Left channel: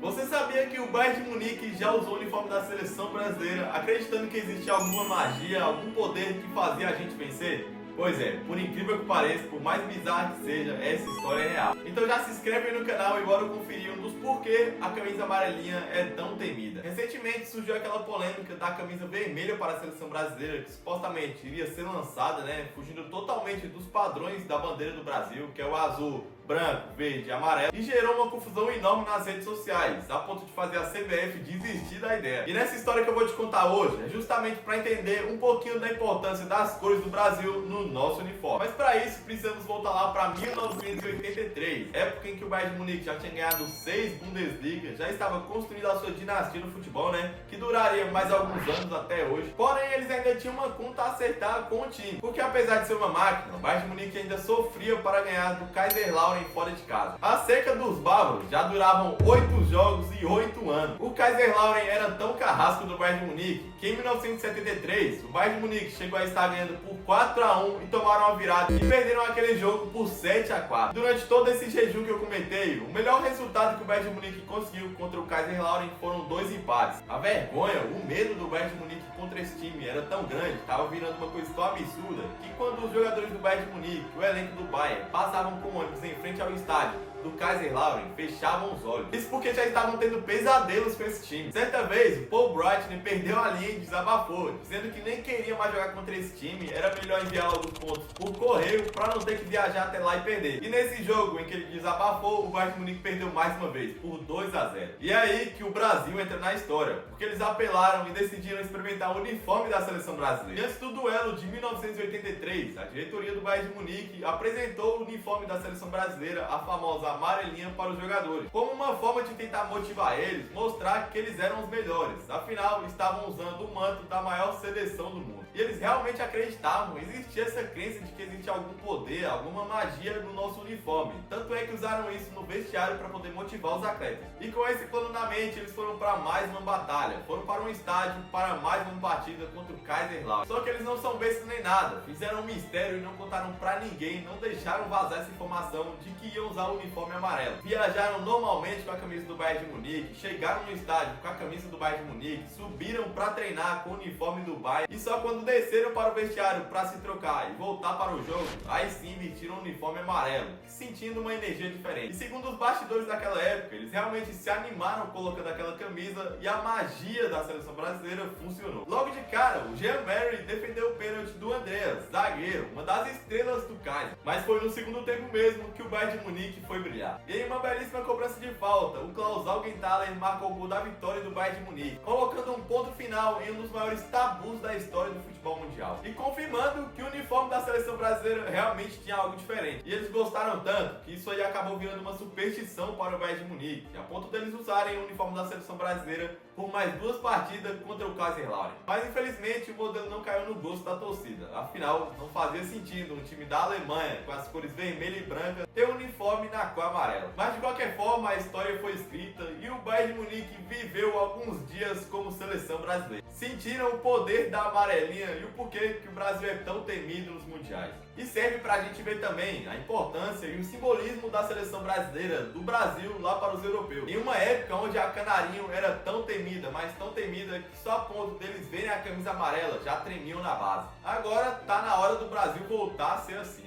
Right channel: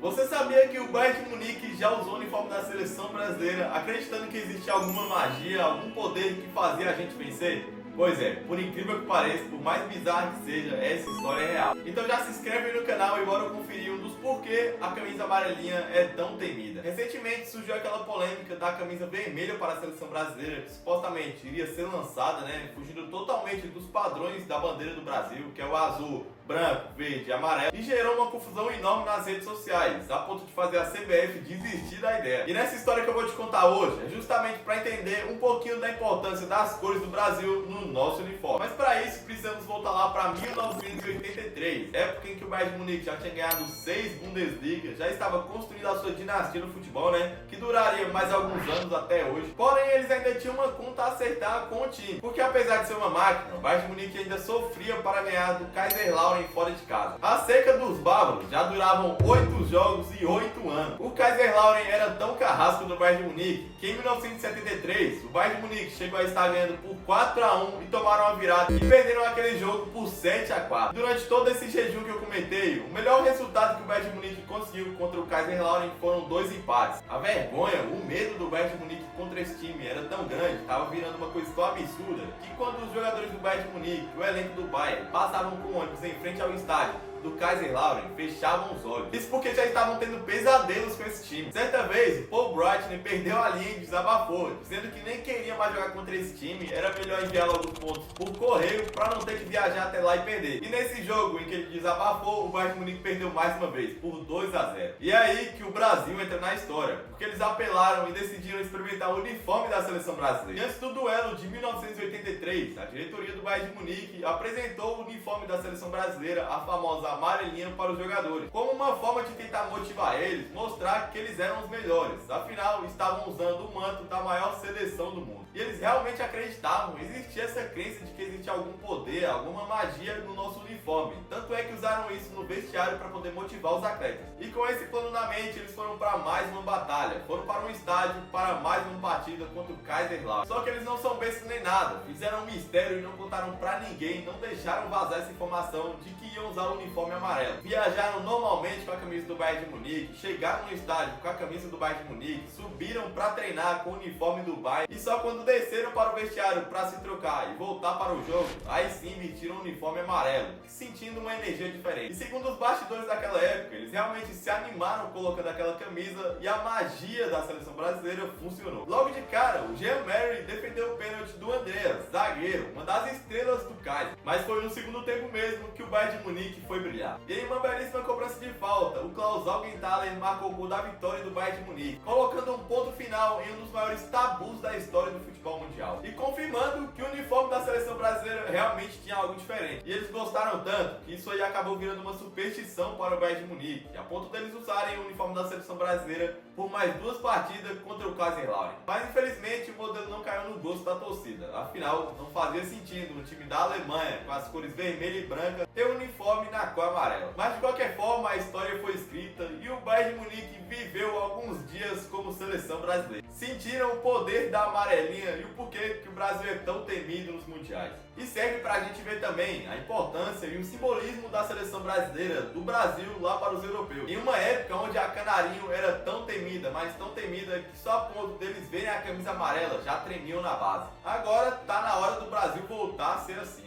Você sabia que o Bayern de Munique já usou o uniforme da seleção brasileira, acreditando que existia alguma magia, algum poder que fazia a gente vencer? Pois é, por incrível que pareça, por mais bizarra que seja, essa história é real. Então já se inscreve aí no canal e bora conferir um dos porquê a camisa amarelinha é tão temida. Recentemente surgiu aquela polêmica da camisa vermelha para a seleção brasileira, que supostamente iria ser lançada, fugindo totalmente dos padrões da bandeira do Brasil, que é o azul, branco, verde e amarelo, e gerou uma confusão enorme nas redes sociais, a ponto de fazer a CBF desistir da ideia. E nessa história que eu vou te contar hoje, é justamente para entender um pouquinho da importância das cores do Brasil no nosso uniforme. Mas para isso, precisamos voltar lá para 1983, época em que o Bayern de Munique já tinha ganhado 6 Bundesliga, já estava construindo a sua dinastia no futebol, que duraria mais alguns anos até hoje. Porém, eles ainda tinham uma conta a acertar com o time, porque apesar de ser uma máquina, o Bayern de Munique ainda sofria para ganhar do Kaiserslautern fora de casa. A seca dos bárbaros já duravam 8 jogos e 8 anos. O Kaiserslautern era tão carrasco do Bayern de Munique que em 1973 o Bayern de Munique chegou a estar ganhando por 4-1 e tomaram a virada e perderam aquele jogo por 7-4. Durante todo esse jejum que eu comentei, o melhor resultado que o Bayern de Munique conseguiu contra o Kaiserslautern foram 2 empates. A vergonha, o medo do Bayern de Munique contra esse time era tão grande, estava virando uma coisa tão absurda, que quando os jogadores do Bayern de Munique, o elenco do Bayern, passavam com o ônibus em frente ao estádio do Kaiserslautern, fechavam os olhos. Isso porque já estavam tendo pesadelos com esse time. Certa vez, o Paul Breitner perdeu a linha e desabafou, dizendo que nem queria mais jogar contra esse time, era melhor enviar logo os pontos por correio para não ter que viajar até lá e perder. E nesse jogo em que ele desabafou, o Bayern de Munique perdeu mais uma vez, por 2-0. E é aí que o Brasil entra na história, porque eles apelaram e decidiram experimentar o uniforme da seleção brasileira. E antes do duelo de 1983, a diretoria do Bayern de Munique apresentou o uniforme da seleção brasileira, a famosa amarelinha, para os jogadores, como uma forma de tentar motivar eles, mostrar que eles eram os melhores, afinal estavam usando o manto da maior seleção do mundo. E eles realmente acreditavam, existia essa crença de que existia algum poder, alguma magia no nosso uniforme, tanto é que usaram isso no vestiário para poder motivar os atletas. E com esse plano na mente, eles foram para mais uma batalha, foram para um estádio para mais uma partida contra o Kaiserslautern. Só que eles não são bestas nem nada, fizeram um mistério e não contaram para ninguém, não deixaram vazar essa informação de que iam usar o uniforme amarelo. Viajaram normalmente com a camisa do Bayern de Munique, chegaram no estádio com a camisa do Bayern de Munique, subiram para treinar com o uniforme do Bayern e só quando desceram para o vestiário para se trocar e voltar para o jogo, aí sim vestiram o uniforme amarelo, sentindo uma energia diferente. E segundo os bastidores daquela época, eles realmente se animaram colocando aquela camisa e a magia da seleção brasileira funcionou. Logo de cara, o Jean Mary defendeu o pênalti do Andreas, zagueiro, uma das estrelas do Kaiser. Mas foi no segundo tempo mesmo que o Bayern de Munique foi brilhar. E em uma belíssima cobrança de falta, o Klaus Augenthaler marcou o gol da vitória do Bayern de Munique, colocando um ponto final em um dos maiores tabus da história do futebol mundial. E confirmando que o uniforme da seleção brasileira realmente tinha algo diferente. E eles gostaram tanto que isso aí acabou virando uma superstição para o Bayern de Munique, a ponto deles usarem o uniforme da seleção brasileira por mais 2 partidas contra o Kaiserslautern. Mas infelizmente o modelo não caiu no gosto da torcida, afinal não fazia sentido um time da Alemanha com as cores vermelha e branca ter um uniforme na cor amarela. Mas de qualquer forma a história foi escrita e o Bayern de Munique viveu alguns dias como seleção brasileira. Sentiram o poder da amarelinha e o porquê que o Brasil é tão temido nos mundiais. E serve pra gente ver também a importância e o simbolismo da seleção brasileira do Brasil lá para os europeus. Em uma época onde a Canarinho era tão temida, mas tão temida que só a ponto deles verem a camisa amarela já tremiam na base. Agora tá na hora do Brasil voltar a ser assim,